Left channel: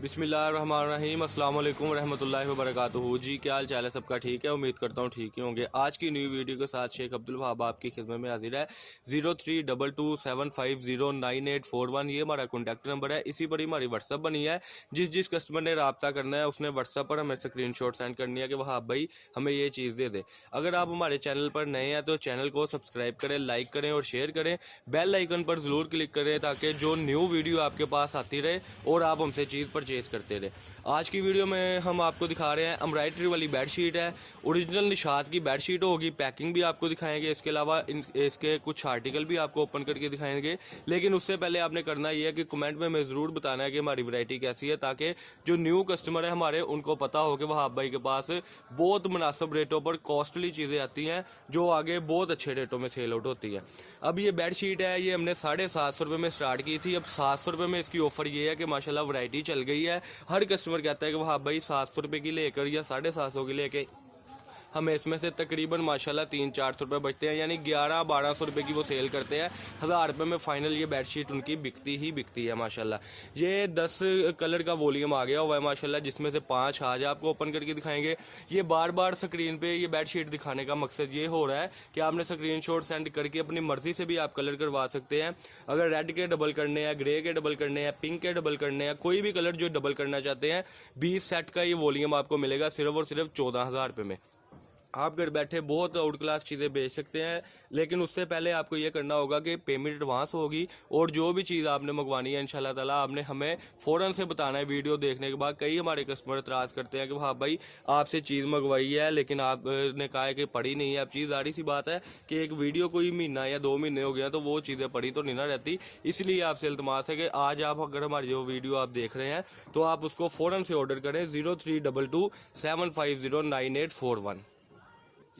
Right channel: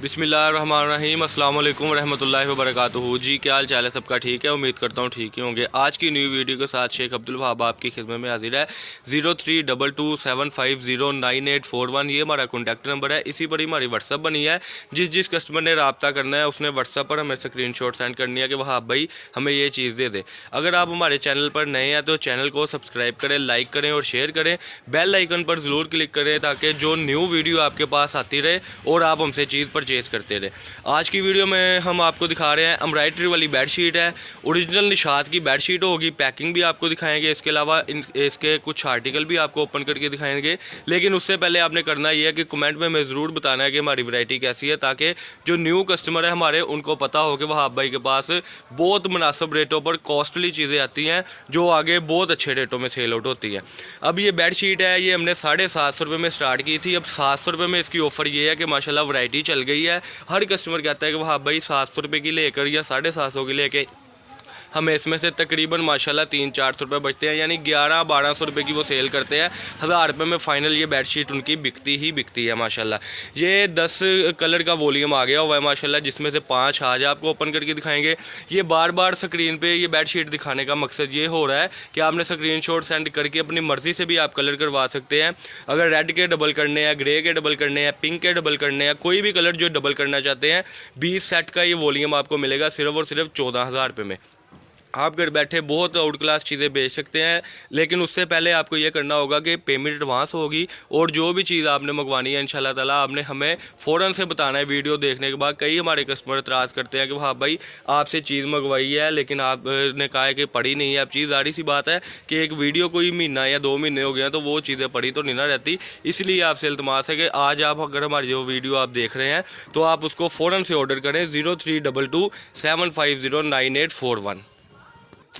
बिस्मिल्लाहिर्रहमानिर्रहीम अस्सलाम वालेकुम रहमतुल्लाहि व बरकातुहू। जी क्या हाल चाल है सबका? ठीक है, उम्मीद करता हूँ ठीक ही होंगे। आज की न्यू वीडियो के साथ शेख अब्दुल वहाब आपकी खिदमत में हाजिर है। 032275098841 ये हमारा कॉन्टैक्ट नंबर है। इसी पर ही हमारी व्हाट्सअप बनी है। जिस कस्टमर ने रब्ता करना है उसने व्हाट्सअप पर हमें स्क्रीनशॉट सेंड करनी है कि वहाब भाई हमें ये चीज़ दे दे। अगर आप हमारे चैनल पर नए हैं तो चैनल को सब्सक्राइब करें, लाइक करें और शेयर करें। बेल आइकन पर ज़रूर क्लिक करें ताकि जो न्यू वीडियो आपके पास आती रहे और आप हमसे चीज़ परचेज़ करते रहे। आज की वीडियो में हम आपको दिखा रहे हैं एम्ब्रॉयडरी वाली बेडशीट है। ओरिजिनल निशात की बेडशीट होगी। पैकिंग भी आपको दिखाएंगे, इसके अलावा इसके कुछ आर्टिकल भी आपको ओपन करके दिखाएंगे। लेकिन उससे पहले आपने करना ये है कि कमेंट में हमें ज़रूर बताना है कि हमारी वैरायटी कैसी है, ताकि जो न्यू कस्टमर है हमारे उनको पता हो कि वहाब भाई के पास बहुत मुनासिब रेटों पर कॉस्टली चीज़ें आती हैं जो आगे बहुत अच्छे रेटों में सेल आउट होती है। अब ये बेडशीट है, ये हमने 750 रुपये में स्टार्ट की थी। अब 700 रुपये में इसकी ऑफ़र ये है कि माशाल्लाह वैरायटी चल गई है। हर कस्टमर कहता है कि वहाँ भाई 700 रुपये की लेकर या 750 की लेके हमें इसमें से तकरीबन माशाल्लाह 300-400 रुपये बचते हैं, यानी 1100-1200 रुपये की वो सेल करते हैं। 1000 रुपये में फ़ाइनल ये बेडशीट उनकी बिकती है माशाल्लाह। ये 10 कलर का वॉल्यूम आ गया हुआ है माशाल्लाह, जिसमें से 5 आज आपको ओपन करके दिखाएंगे। ये बार बार स्क्रीन पे ये बेडशीट दिखाने का मकसद ये हो रहा है कि आपने स्क्रीनशॉट सेंड करके अपनी मर्ज़ी से भी आप कलर करवा सकते हैं। अगर रेड के डबल करने हैं, ग्रे के डबल करने हैं, पिंक के डबल करने हैं, कोई भी कलर जो डबल करना चाहते हैं, 20 सेट का ये वॉल्यूम आपको मिलेगा सिर्फ और सिर्फ 14,000 रुपये में। आप घर बैठे बहुत आउट क्लास चीज़ें बेच सकते हैं, लेकिन उससे पहले आपको ये करना होगा कि पेमेंट एडवांस होगी और जो भी चीज़ आपने मंगवानी है इंशाल्लाह ताला आपने हमें फ़ौरन से बताना है वीडियो देखने के बाद। कई हमारे कस्टमर एतराज़ करते हैं कि हाँ भाई आपसे चीज़ मंगवाई है लेकिन आपने कहा है कि पड़ी नहीं है। अब चीज़ जाहिर सी बात है कि एक वीडियो कोई महीना या 2 महीने हो गए हैं तो वो चीज़ें पड़ी तो नहीं ना रहती। इसलिए आपसे इल्तमास है कि आज आप अगर हमारी जो वीडियो आप देख रहे हैं तो आप उसको फ़ौरन से ऑर्डर करें 032275098841।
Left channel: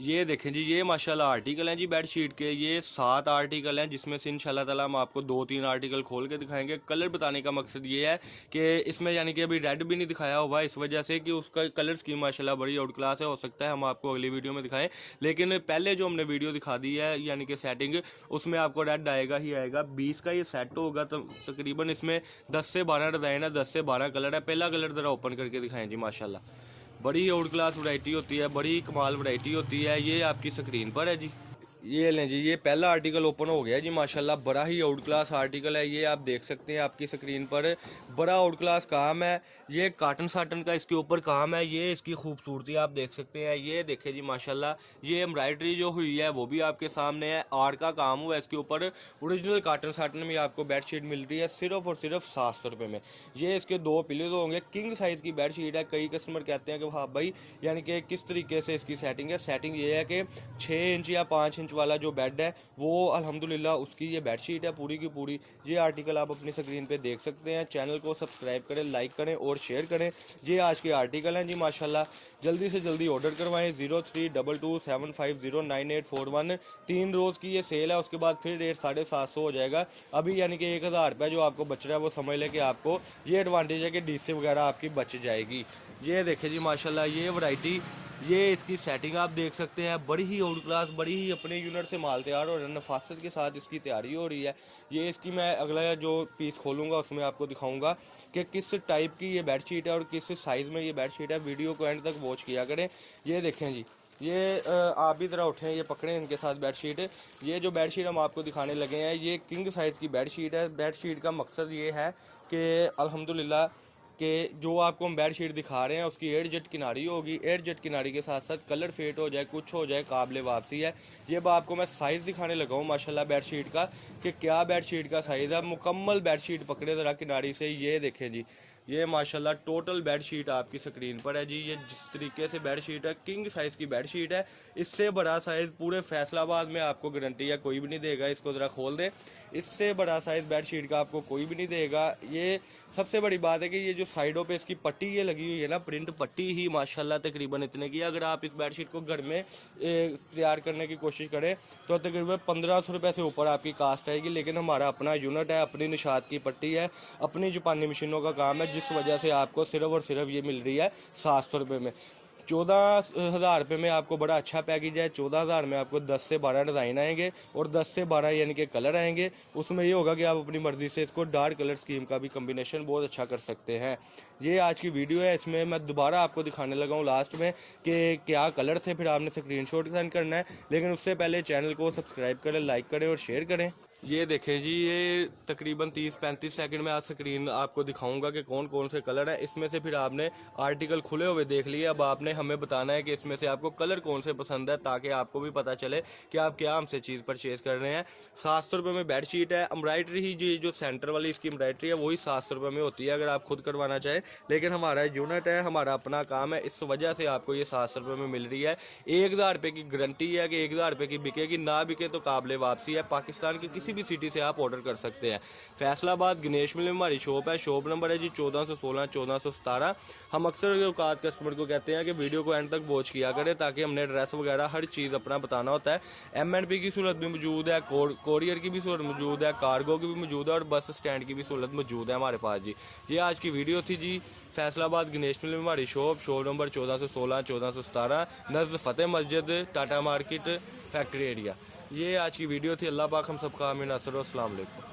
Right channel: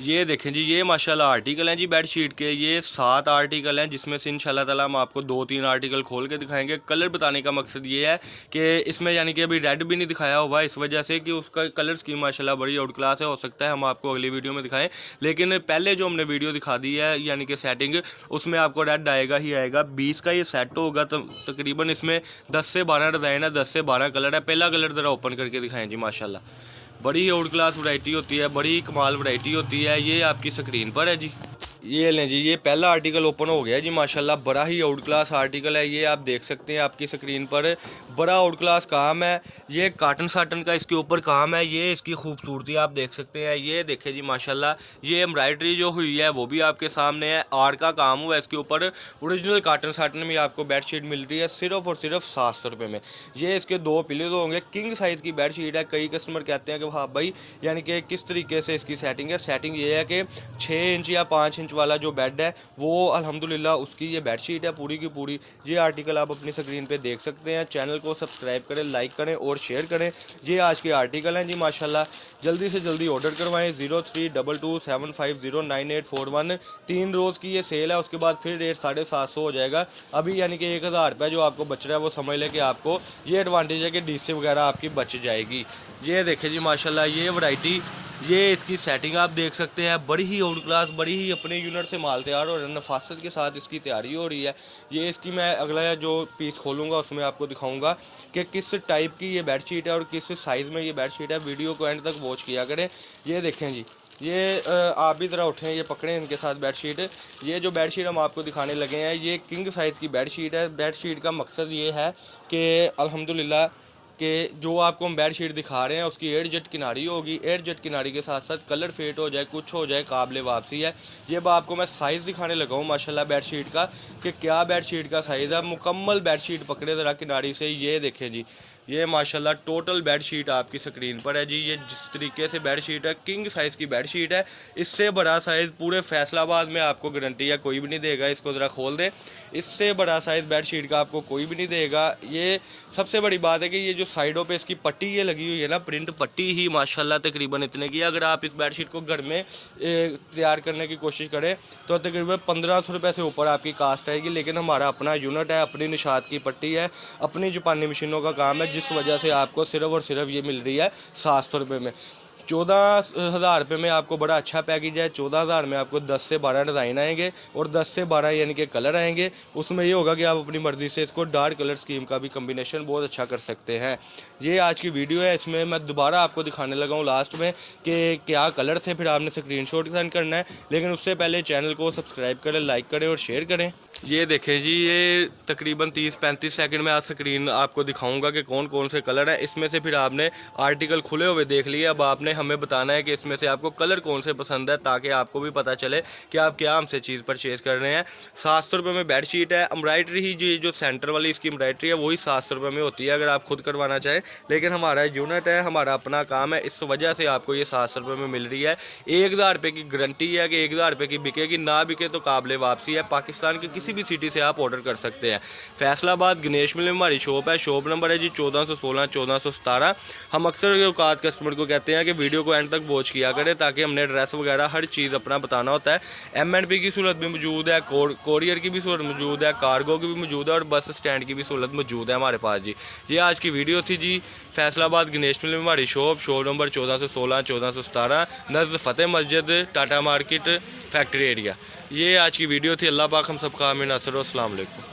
ये देखें जी, ये माशाल्लाह आर्टिकल हैं जी बेडशीट के। ये 7 आर्टिकल हैं जिसमें से इंशाल्लाह ताला हम आपको 2-3 आर्टिकल खोल के दिखाएंगे। कलर बताने का मकसद ये है कि इसमें यानी कि अभी रेड भी नहीं दिखाया हुआ इस वजह से कि उसका कलर स्कीम माशाल्लाह बड़ी आउट क्लास है। हो सकता है हम आपको अगली वीडियो में दिखाएं, लेकिन पहले जो हमने वीडियो दिखा दी है यानी कि सेटिंग, उसमें आपको रेड आएगा ही आएगा। 20 का ये सेट होगा तो तकरीबन इसमें 10 से 12 डिज़ाइन है, 10 से 12 कलर है। पहला कलर ज़रा ओपन करके दिखाएँ जी। माशाल्लाह बड़ी आउट क्लास वैरायटी होती है, बड़ी कमाल वैरायटी होती है। ये आपकी स्क्रीन पर है जी। ये लें जी, ये पहला आर्टिकल ओपन हो गया जी माशाल्लाह। बड़ा ही आउट क्लास आर्टिकल है, ये आप देख सकते हैं आपकी स्क्रीन पर। बड़ा आउट क्लास काम है, ये काटन साटन का इसके ऊपर काम है। ये इसकी खूबसूरती आप देख सकते हैं। ये देखें जी माशाल्लाह, ये एम्ब्रॉयडरी जो हुई है वो भी आपके सामने है। आर्ट का काम हुआ है इसके ऊपर। ओरिजिनल काटन साटन में आपको बेडशीट मिल रही है सिर्फ और सिर्फ 700 रुपये में। ये इसके 2 पिलो होंगे। किंग साइज़ की बेडशीट है। कई कस्टमर कहते हैं कि हाँ भाई यानी कि किस तरीके से इसकी सेटिंग है। सेटिंग ये है कि 6 इंच या 5 इंच वाला जो बेड है वो अल्हम्दुलिल्लाह उसकी ये बेडशीट है पूरी की पूरी। ये आर्टिकल आप अपनी स्क्रीन पे देख सकते हैं। चैनल को सब्सक्राइब करें, लाइक करें और शेयर करें। ये आज के आर्टिकल हैं जी माशाल्लाह। जल्दी से जल्दी ऑर्डर करवाएं। 032275098841। 3 रोज़ की ये सेल है, उसके बाद फिर रेट 750 हो जाएगा। अभी यानी कि 1000 रुपये जो आपको बच रहा है वो समझ लें कि आपको ये एडवांटेज है कि डीसी वगैरह आपकी बच जाएगी। ये देखें जी माशाल्लाह, ये वैरायटी, ये इसकी सेटिंग आप देख सकते हैं। बड़ी ही आउट क्लास, बड़ी ही अपने यूनिट से माल तैयार हो रहा है, नफासत के साथ इसकी तैयारी हो रही है। ये इसकी मैं अगला जो पीस खोलूँगा उसमें आपको दिखाऊंगा कि किस टाइप की ये बेडशीट है और किस साइज़ में ये बेडशीट है। वीडियो को एंड तक वॉच किया करें। ये देखें जी, ये आप भी ज़रा उठें, ये पकड़ें इनके साथ बेडशीट। ये जो बेडशीट हम आपको दिखाने लगे हैं ये किंग साइज़ की बेडशीट है। बेडशीट का मकसद ये है कि अल्हम्दुलिल्लाह कि जो आपको हम बेडशीट दिखा रहे हैं उसकी एयर जेट किनारी होगी। एयर जेट किनारी के साथ साथ कलर फेट हो जाए, कुछ हो जाए, काबिल वापसी है। ये आपको मैं साइज़ दिखाने लगा हूँ माशाल्लाह बेडशीट का कि क्या बेडशीट का साइज़ है। मुकम्मल बेडशीट पकड़े ज़रा किनारी से। ये देखें जी, ये माशाल्लाह टोटल बेडशीट आपकी स्क्रीन पर है जी। ये जिस तरीके से बेडशीट है, किंग साइज़ की बेडशीट है। इससे बड़ा साइज़ पूरे फैसलाबाद में आपको गारंटी है कोई भी नहीं देगा। इसको ज़रा खोल दें, इससे बड़ा साइज़ बेडशीट का आपको कोई भी नहीं देगा। ये सबसे बड़ी बात है कि ये जो साइडों पे इसकी पट्टी ये लगी हुई है ना, प्रिंट पट्टी ही माशाल्लाह तकरीबन इतने की। अगर आप इस बेडशीट को घर में तैयार करने की कोशिश करें तो तकरीबन 1500 रुपये से ऊपर आपकी कास्ट आएगी। लेकिन हमारा अपना यूनिट है, अपनी निशात की पट्टी है, अपनी जापानी मशीनों का काम है, जिस वजह से आपको सिर्फ और सिर्फ ये मिल रही है 700 रुपये में। 14,000 रुपये में आपको बड़ा अच्छा पैकेज है। 14,000 में आपको 10 से 12 डिज़ाइन आएंगे और 10 से 12 यानी कि कलर आएंगे। उसमें ये होगा कि आप अपनी मर्ज़ी से इसको डार्क कलर स्कीम का भी कम्बिनेशन बहुत अच्छा कर सकते हैं। ये आज की वीडियो है, इसमें मैं दोबारा आपको दिखाने लगा हूँ लास्ट में कि क्या कलर थे, फिर आपने स्क्रीनशॉट सेंड करना है। लेकिन उससे पहले चैनल को सब्सक्राइब करें, लाइक करें और शेयर करें। ये देखें जी, ये तकरीबन 30-35 सेकंड में आज स्क्रीन आपको दिखाऊंगा कि कौन कौन से कलर हैं। इसमें से फिर आपने आर्टिकल खुले हुए देख लिए, अब आपने हमें बताना है कि इसमें से आपको कलर कौन से पसंद है, ताकि आपको भी पता चले कि आप क्या हमसे चीज़ परचेज़ कर रहे हैं। 700 रुपये में बेड शीट है। एम्ब्रॉयडरी ही जी जो सेंटर वाली इसकी एम्ब्रॉयडरी है वही 700 रुपये में होती है अगर आप खुद करवाना चाहें। लेकिन हमारा यूनिट है, हमारा अपना काम है, इस वजह से आपको ये 700 रुपये में मिल रही है। 1,000 रुपये की गारंटी है कि 1,000 रुपये की बिकेगी, ना बिके तो काबिल वापसी है। पाकिस्तान के किसी भी सिटी से आप ऑर्डर कर सकते हैं। फैसलाबाद गणेश मिल में हमारी शॉप है। शॉप नंबर है जी 1416 1417। हम अक्सर औकात कस्टमर को कहते हैं कि वीडियो को एंड तक वॉच किया करें, ताकि हमने एड्रेस वगैरह हर चीज़ अपना बताना होता है। M&P की सहूलत भी मौजूद है, कोरियर की भी सहूलत मौजूद है, कार्गो की भी मौजूद है और बस स्टैंड की भी सहूलत मौजूद है हमारे पास जी। ये आज की वीडियो थी जी। फैसलाबाद गणेश मिल में हमारी शॉप नंबर 1416 1417 नज़द फ़तेह मस्जिद, टाटा मार्केट, फैक्ट्री एरिया। ये आज की वीडियो थी। अल्लाह पाक हम सबका आमीन। अस्सलाम वालेकुम।